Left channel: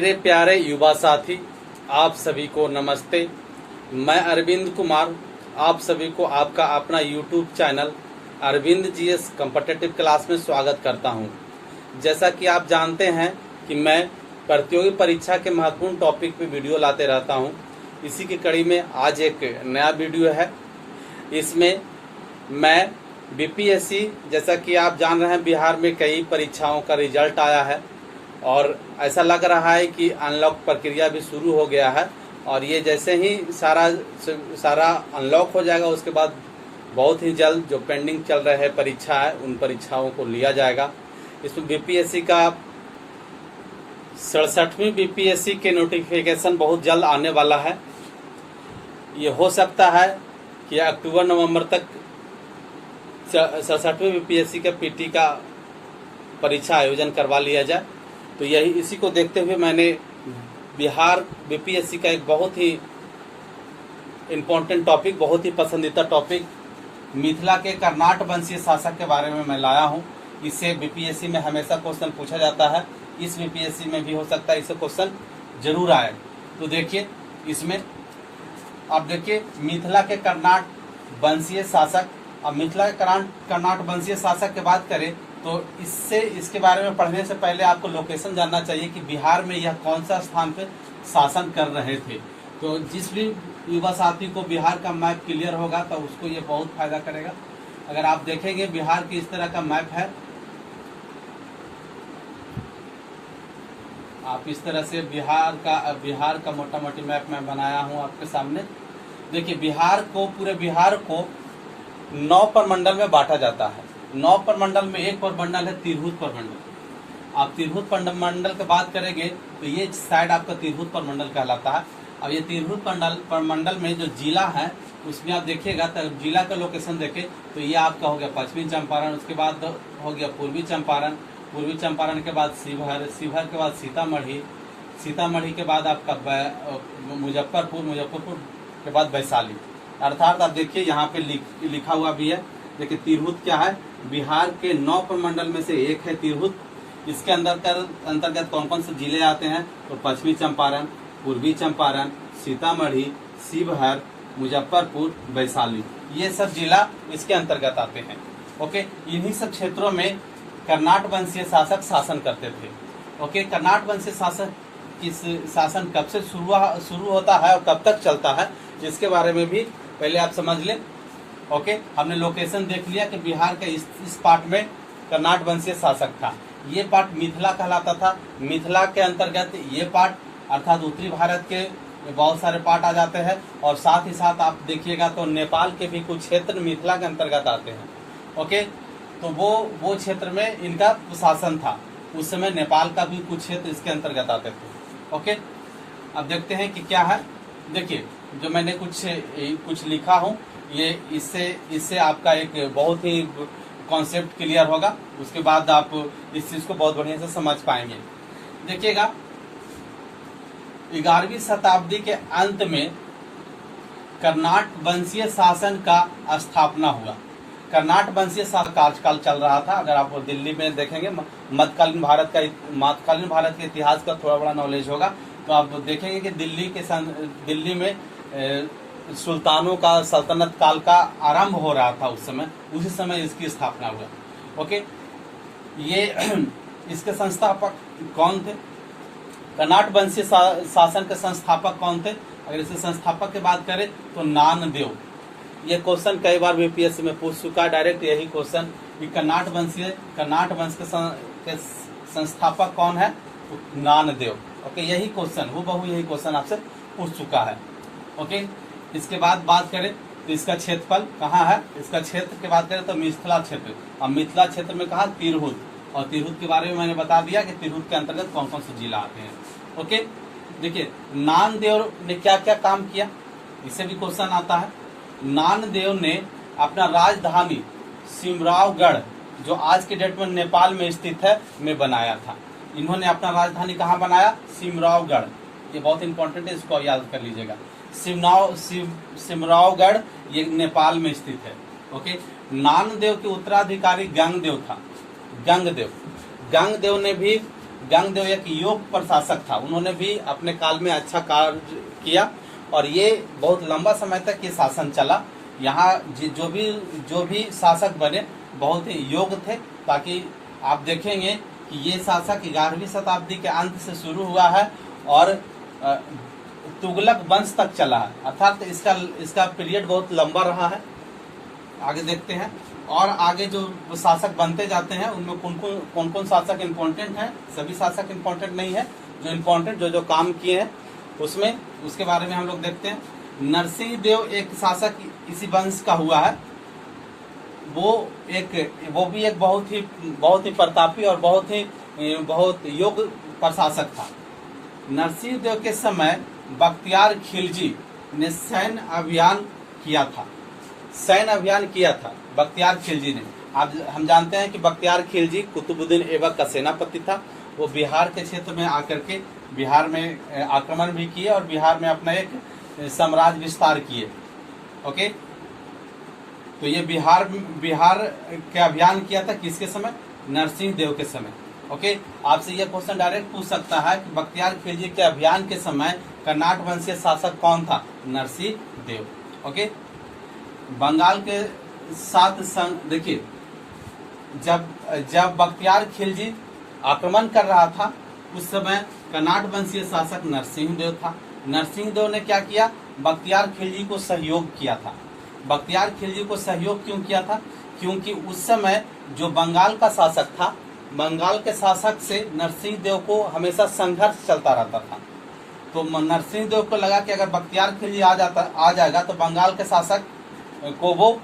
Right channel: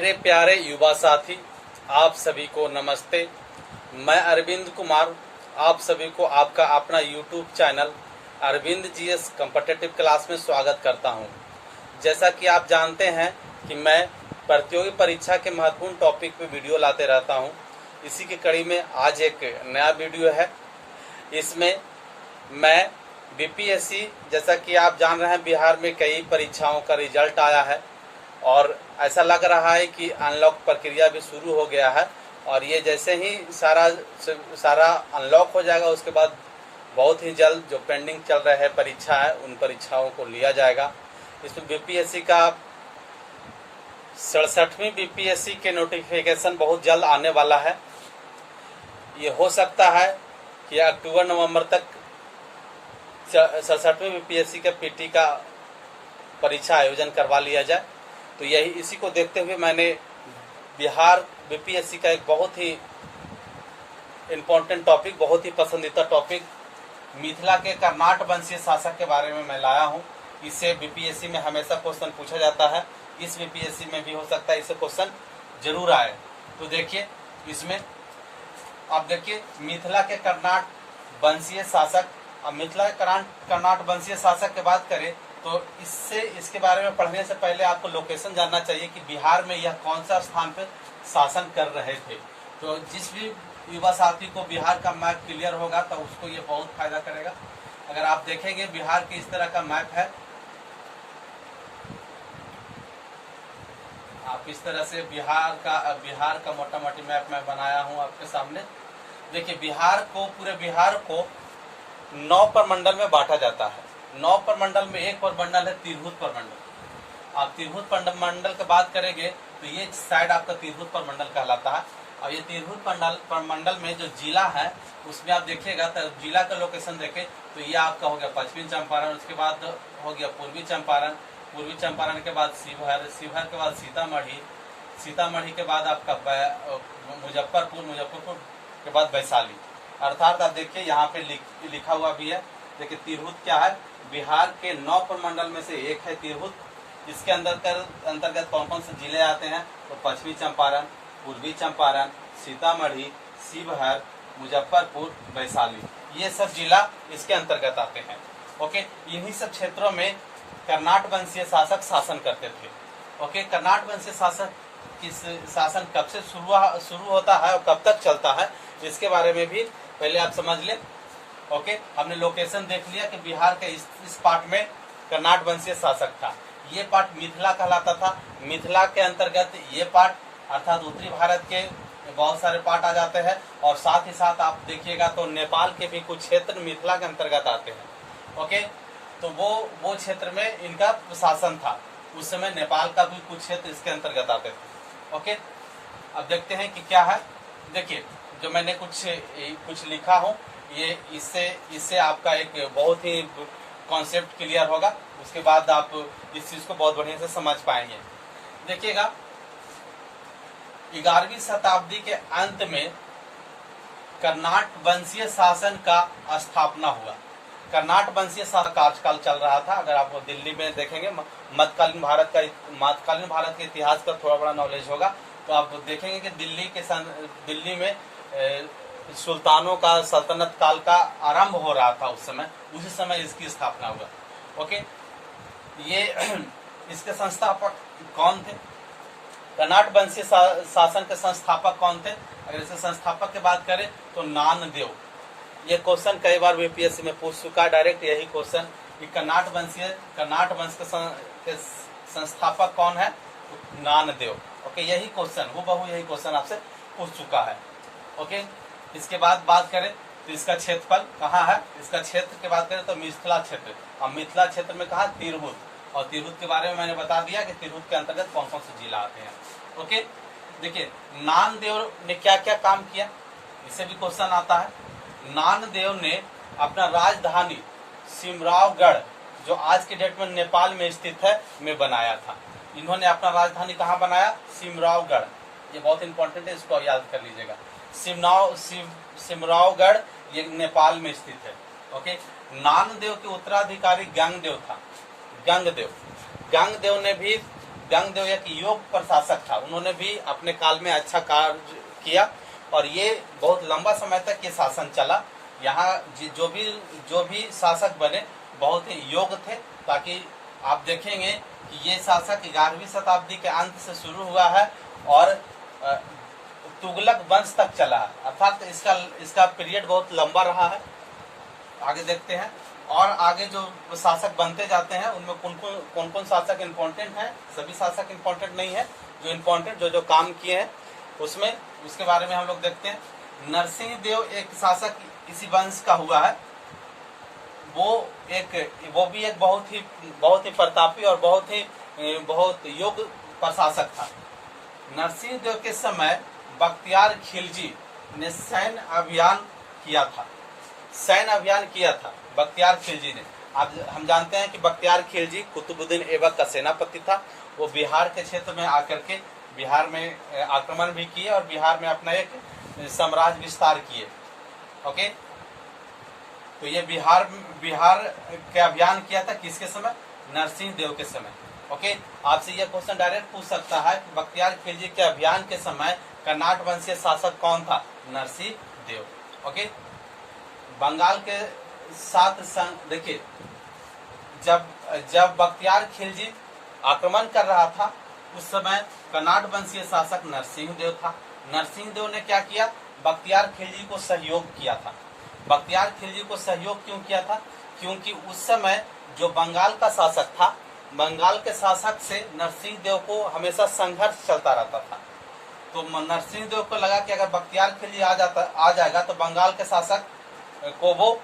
मेरे प्यारे युवा साथी, आप सभी को नमस्ते। मैं अरविंद कुमार आप सभी को आपका अपना YouTube channel Arvind GS competitive class में स्वागत करता हूं। जैसा कि आप जानते हैं कि मैं प्रतियोगी परीक्षा के महत्वपूर्ण टॉपिक पे वीडियो लाते रहता हूं। इसी की कड़ी में आज एक नया वीडियो है। इसमें मैं बीपीएससी, जैसा कि आप जान रहे हैं, बिहार में कई परीक्षाओं का रिजल्ट आया है और ऐसा लग रहा है कि अनलॉक प्रक्रिया भी शुरू हो गया है। और ये जैसे ही सारा अनलॉक हो जाएगा, उसके बाद बहुत ही जल्द जो पेंडिंग चल रहे हैं परीक्षा है, उन परीक्षाओं को लिया जाएगा। इसमें बीपीएससी का 67वीं बीपीएससी के नोटिफिकेशन बहुत जल्द आने वाला है। ये हो सकता है कि अक्टूबर नवंबर तक 67वीं बीपीएससी का पीटी का परीक्षा आयोजन करवा लिया जाए। तो यही इसी को देखते हुए मैंने बिहार बीपीएससी का एक बहुत ही इम्पोर्टेंट टॉपिक, बहुत ही पसंदीदा टॉपिक, मिथिला के कर्नाट वंशीय शासक के बारे में मैं लाया हूं। इससे बीपीएससी में हमेशा क्वेश्चन पूछा जाता है, इस बीपीएससी में भी हो सकता है इससे क्वेश्चन जरूर आए। तो देखिए, इसमें आप देखिए मिथिला के कर्नाट वंशीय शासक। अब मिथिला के कर्नाट वंशीय शासक की बात करें तो इसके बारे में पढ़ने से पहले आपको लोकेशन जानना चाहिए कि बिहार में यह कौन सा स्थान पे शासन कर रहे थे। तो जिस भी युवा साथी को बिहार का मैप क्लियर होगा तो उसको ये बहुत फायदा करेगा। अगर आप देखेंगे बिहार की इस तरह का मैप है, आप इस तरह से बिहार का मोटा मोटी मैप मैं बनाया हूँ आपके सामने। देखिए, पूरे बिहार को 9 प्रमंडल में बांटा जाता है। 9 प्रमंडल में एक प्रमंडल है तिरहुत प्रमंडल। आप तिरहुत प्रमंडल की बात करेंगे तो ये साइड आपका तिरहुत प्रमंडल कहलाता है। और ये तिरहुत प्रमंडल में जो जिला है उसमें आप देखिएगा तो जिला का लोकेशन देखें तो ये आपका हो गया पश्चिमी चंपारण, उसके बाद हो गया पूर्वी चंपारण के बाद शिवहर के बाद सीतामढ़ी के बाद आपका मुजफ्फरपुर के बाद वैशाली। अर्थात आप देखिए यहाँ पे लिखा हुआ भी है। देखिए, तिरहुत क्या है, बिहार के 9 प्रमंडल में से एक है तिरहुत। इसके अंतर्गत कौन कौन से जिले आते हैं तो पश्चिमी चंपारण, पूर्वी चंपारण, सीतामढ़ी, शिवहर, मुजफ्फरपुर, वैशाली, ये सब जिला इसके अंतर्गत आते हैं। ओके, इन्हीं सब क्षेत्रों में कर्नाट वंशीय शासक शासन करते थे। ओके, कर्नाट वंशीय शासक इस शासन कब से शुरू होता है और कब तक चलता है, इसके बारे में भी पहले आप समझ लें। ओके, हमने लोकेशन देख लिया कि बिहार के इस पार्ट में कर्नाट वंशीय शासक था। ये पार्ट मिथिला कहलाता था। मिथिला के अंतर्गत ये पार्ट अर्थात उत्तरी भारत के बहुत सारे पार्ट आ जाते हैं। और साथ ही साथ आप देखिएगा तो नेपाल के भी कुछ क्षेत्र मिथिला के अंतर्गत आते हैं। ओके, तो वो क्षेत्र में इनका शासन था। उस समय नेपाल का भी कुछ क्षेत्र इसके अंतर्गत आते थे। ओके, अब देखते हैं कि क्या है। देखिए, जो मैंने कुछ लिखा हूँ, ये इससे आपका एक बहुत ही कॉन्सेप्ट क्लियर होगा। उसके बाद आप इस चीज को बहुत बढ़िया से समझ पाएंगे। देखिएगा, 11वीं शताब्दी के अंत में कर्नाट वंशीय शासन का स्थापना हुआ। कर्नाट वंशीय शासन कार्यकाल चल रहा था। अगर आप दिल्ली में देखेंगे, मध्यकालीन भारत के इतिहास का थोड़ा बड़ा नॉलेज होगा तो आप देखेंगे कि दिल्ली में सुल्तानों का सल्तनत काल का आरंभ हो रहा था। उसी समय इसकी स्थापना हुआ। ओके, ये इसके संस्थापक कौन थे? कर्नाट वंशीय शासन के संस्थापक कौन थे? अगर इसके संस्थापक की बात करें तो नानदेव। ये क्वेश्चन कई बार बीपीएससी में पूछ चुका है, डायरेक्ट यही क्वेश्चन कि कर्नाट वंश के संस्थापक कौन है? नानदेव। ओके, यही क्वेश्चन आपसे पूछ चुका है। ओके, इसके बाद बात करें तो इसका क्षेत्रफल कहाँ है? इसका क्षेत्र की बात करें तो मिथिला क्षेत्र। अब मिथिला क्षेत्र में कहा तिरहुत, और तिरहुत के बारे में मैंने बता दिया कि तिरहुत के अंतर्गत कौन कौन से जिला आते हैं। ओके, देखिए, नानदेव ने क्या क्या काम किया, इससे भी क्वेश्चन आता है। नानदेव ने अपना राजधानी सिमरावगढ़, जो आज के डेट में नेपाल में स्थित है, में बनाया था। इन्होंने अपना राजधानी कहाँ बनाया? सिमरावगढ़। ये बहुत इंपॉर्टेंट है, इसको याद कर लीजिएगा। सिमरावगढ़ ये नेपाल में स्थित है। ओके, नानदेव के उत्तराधिकारी गंगदेव था। गंगदेव ने भी व्यंगदेव एक योग प्रशासक था, उन्होंने भी अपने काल में अच्छा कार्य किया और ये बहुत लंबा समय तक ये शासन चला। यहाँ जो भी शासक बने बहुत ही योग्य थे, ताकि आप देखेंगे कि ये शासक 11वीं शताब्दी के अंत से शुरू हुआ है और तुगलक वंश तक चला है, अर्थात इसका पीरियड बहुत लंबा रहा है। आगे देखते हैं और आगे जो शासक बनते जाते हैं उनमें कौन कौन शासक इम्पोर्टेंट हैं। सभी शासक इम्पोर्टेंट नहीं है, जो इम्पोर्टेंट जो काम किए हैं उसके बारे में हम लोग देखते हैं। नरसिंह देव एक शासक इसी वंश का हुआ है। वो भी एक बहुत ही प्रतापी और बहुत योग्य प्रशासक था। नरसिंह देव के समय बख्तियार खिलजी ने सैन्य अभियान किया था बख्तियार खिलजी ने। अब हम जानते हैं कि बख्तियार खिलजी कुतुबुद्दीन ऐबक का सेनापति था। वो बिहार के क्षेत्र में आकर के बिहार में आक्रमण भी किए और बिहार में अपना एक साम्राज्य विस्तार किए। ओके, तो ये बिहार के अभियान किया था किसके समय? नरसिंह देव के समय। ओके, आपसे ये क्वेश्चन डायरेक्ट पूछ सकता है कि बख्तियार खिलजी के अभियान के समय कर्नाट वंशीय शासक कौन था? नरसिंह देव। ओके, बंगाल के साथ संग देखिए, जब बख्तियार खिलजी आक्रमण कर रहा था उस समय कर्नाट वंशीय शासक नरसिंह देव था। नरसिंह देव ने क्या किया? बख्तियार खिलजी को सहयोग किया था। बख्तियार खिलजी को सहयोग क्यों किया था? क्योंकि उस समय जो बंगाल का शासक था, बंगाल के शासक से नरसिंह देव को हमेशा संघर्ष चलता रहता था। तो नरसिंह देव को लगा कि अगर बख्तियार खिलजी आ जाएगा तो बंगाल के शासक को वो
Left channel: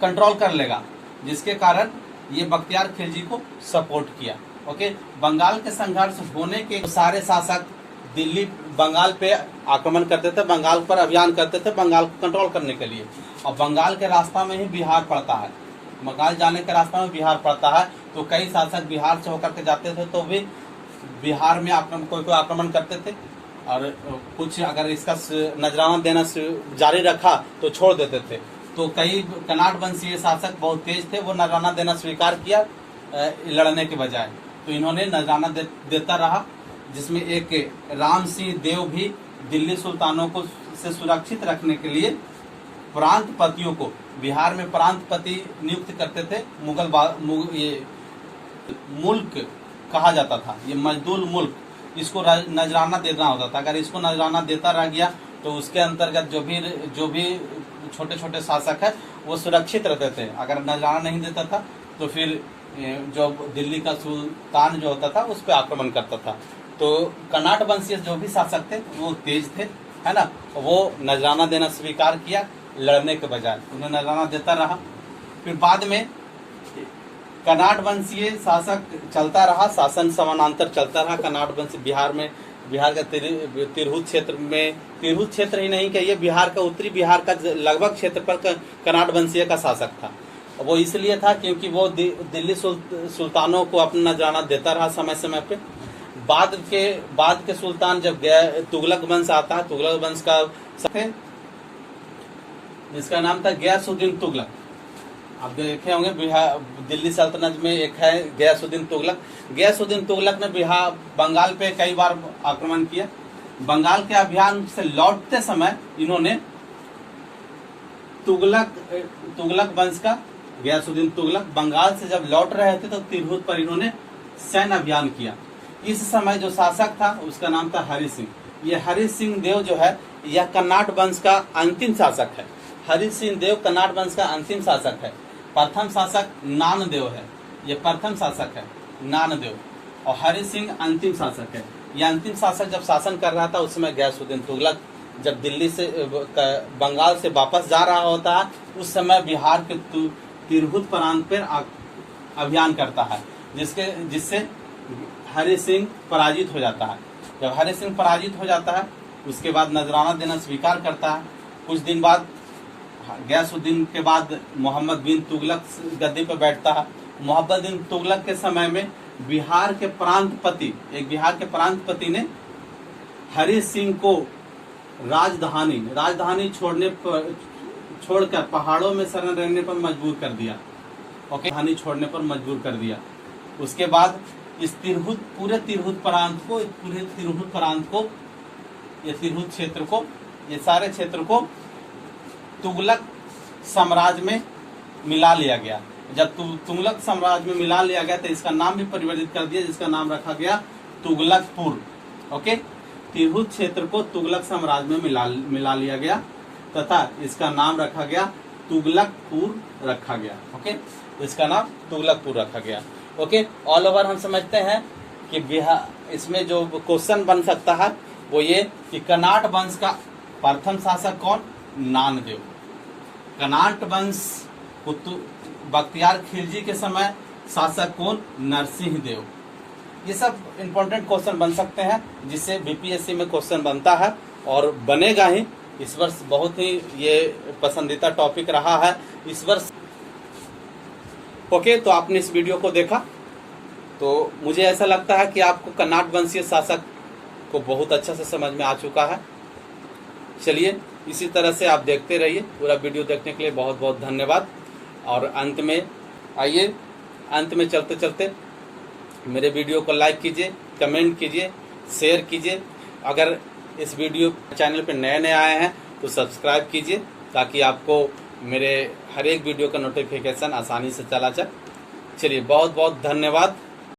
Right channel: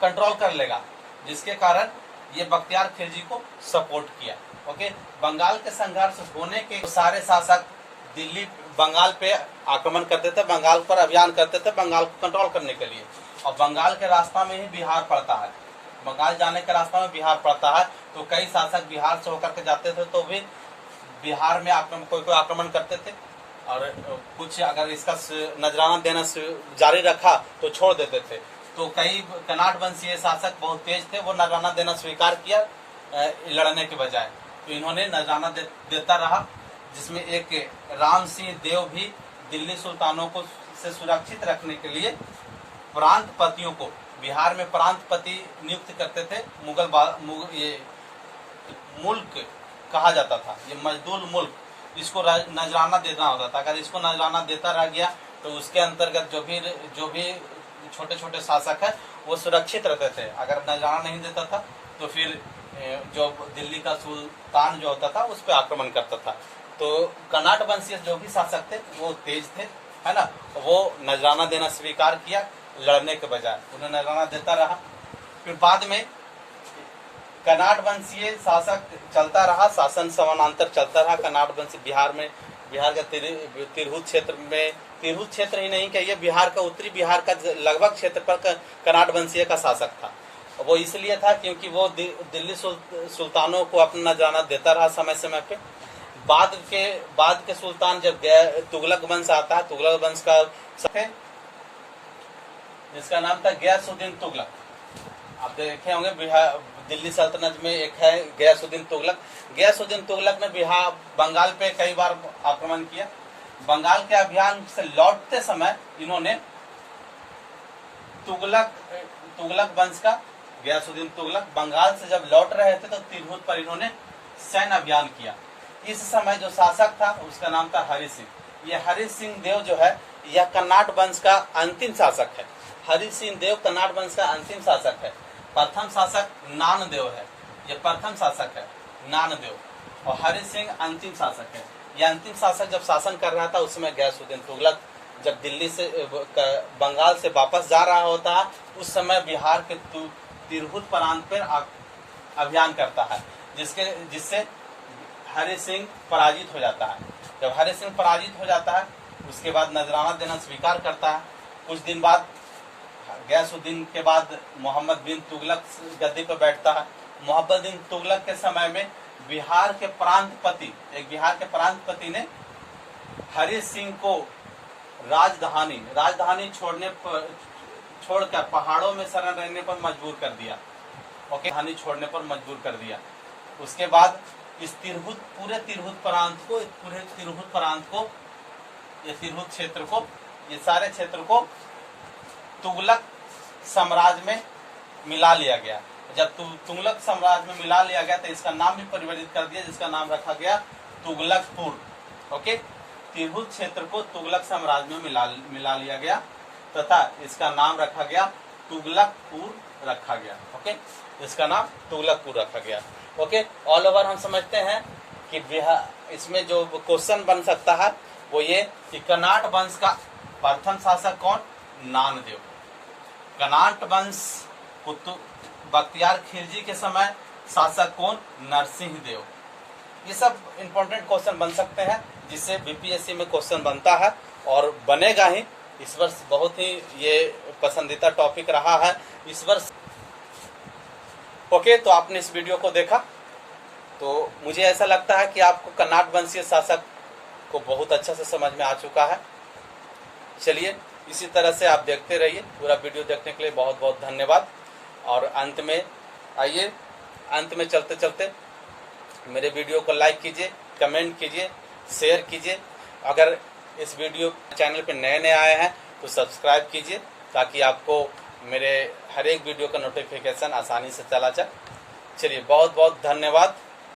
कंट्रोल कर लेगा, जिसके कारण ये बख्तियार खिलजी को सपोर्ट किया। ओके, बंगाल के संघर्ष होने के सारे शासक बंगाल पे आक्रमण करते थे, बंगाल पर अभियान करते थे बंगाल को कंट्रोल करने के लिए। और बंगाल के रास्ता में ही बिहार पड़ता है, बंगाल जाने के रास्ता में बिहार पड़ता है। तो कई शासक बिहार से होकर के जाते थे तो भी बिहार में कोई आक्रमण करते थे और कुछ अगर इसका नजराना देना जारी रखा तो छोड़ देते थे। तो कई कर्नाट वंशीय शासक बहुत तेज थे, वो नजराना देना स्वीकार किया लड़ने के बजाय। तो इन्होंने नजराना देता रहा, जिसमें एक राम सिंह देव भी दिल्ली सुल्तानों को से सुरक्षित रखने के लिए प्रांतपतियों को बिहार में प्रांतपति नियुक्त करते थे। ये मुल्क कहा जाता था, ये मजदूर मुल्क, इसको नजराना देना होता था। अगर इसको नजराना देता रह गया तो उसके अंतर्गत जो भी छोटे छोटे शासक है वो सुरक्षित रहते थे। अगर नजराना नहीं देता था तो फिर जो दिल्ली का सुल्तान जो होता था उस पर आक्रमण करता था। तो कर्नाट वंशीय जो भी शासक थे वो तेज थे, है ना, वो नजराना देना स्वीकार किया लड़ने के बजाय, उन्हें नजराना देता रहा। फिर बाद में कर्नाट वंशीय शासक चलता रहा, शासन समानांतर चलता रहा। कर्नाट वंशी बिहार का तिरहुत क्षेत्र ही नहीं कहिए, बिहार का उत्तरी बिहार का लगभग क्षेत्र पर कर्नाट वंशीय का शासक था। वो इसलिए था क्योंकि वो दिल्ली सुल्तानों को अपना नजराना देता रहा समय समय पे। बाद के सुल्तान जब तुगलक वंश आता है, तुगलक वंश का जिसका नाम था गयासुद्दीन तुगलक। आप देखे होंगे दिल्ली सल्तनत में एक है गयासुद्दीन तुगलक। गयासुद्दीन तुगलक ने बंगाल पे कई बार आक्रमण किया। बंगाल के अभियान से लौटते समय इन्होंने तुगलक वंश का गयासुद्दीन तुगलक बंगाल से जब लौट रहे थे तो तिरहुत पर इन्होंने सैन्य अभियान किया। इस समय जो शासक था उसका नाम था हरि सिंह। ये हरि सिंह देव जो है यह कर्नाट वंश का अंतिम शासक है। हरि सिंह देव कर्नाट वंश का अंतिम शासक है। प्रथम शासक नानदेव है, ये प्रथम शासक है नानदेव, और हरि सिंह अंतिम शासक है। यह अंतिम शासक जब शासन कर रहा था उस समय गयासुद्दीन तुगलक जब दिल्ली से बंगाल से वापस जा रहा होता है उस समय बिहार के तिरहुत प्रांत पर अभियान करता है, जिससे हरि सिंह पराजित हो जाता है। जब हरि सिंह पराजित हो जाता है उसके बाद नजराना देना स्वीकार करता है। कुछ दिन बाद गयासुद्दीन के बाद मोहम्मद बिन तुगलक गद्दी पर बैठता है। मोहम्मद बिन तुगलक के समय में बिहार के प्रांतपति ने हरि सिंह को राजधानी छोड़कर पहाड़ों में शरण रहने पर मजबूर कर दिया। ओके, राजधानी छोड़ने पर मजबूर कर दिया। उसके बाद इस तिरहुत पूरे तिरहुत प्रांत को ये तिरहुत क्षेत्र को, ये सारे क्षेत्र को तुगलक साम्राज्य में मिला लिया गया। जब तुगलक साम्राज्य में मिला लिया गया तो इसका नाम भी परिवर्तित कर दिया, जिसका नाम रखा गया तुगलकपुर। ओके, तिरहुत क्षेत्र को तुगलक साम्राज्य में मिला लिया गया तथा इसका नाम रखा गया तुगलकपुर रखा गया। ओके, इसका नाम तुगलकपुर रखा गया। ओके, ऑल ओवर हम समझते हैं कि बिहार, इसमें जो क्वेश्चन बन सकता है वो ये कि कनाट वंश का प्रथम शासक कौन? नानदेव। कनाट वंश बख्तियार खिलजी के समय शासक कौन? नरसिंह देव। ये सब इंपॉर्टेंट क्वेश्चन बन सकते हैं जिससे बीपीएससी में क्वेश्चन बनता है और बनेगा ही। इस वर्ष बहुत ही ये पसंदीदा टॉपिक रहा है इस वर्ष। ओके, तो आपने इस वीडियो को देखा तो मुझे ऐसा लगता है कि आपको कनाट वंशीय शासक को बहुत अच्छा से समझ में आ चुका है। चलिए, इसी तरह से आप देखते रहिए। पूरा वीडियो देखने के लिए बहुत बहुत धन्यवाद। और अंत में आइए, अंत में चलते चलते मेरे वीडियो को लाइक कीजिए, कमेंट कीजिए, शेयर कीजिए। अगर इस वीडियो चैनल पे नए नए आए हैं तो सब्सक्राइब कीजिए ताकि आपको मेरे हर एक वीडियो का नोटिफिकेशन आसानी से चला जाए। चलिए, बहुत बहुत धन्यवाद।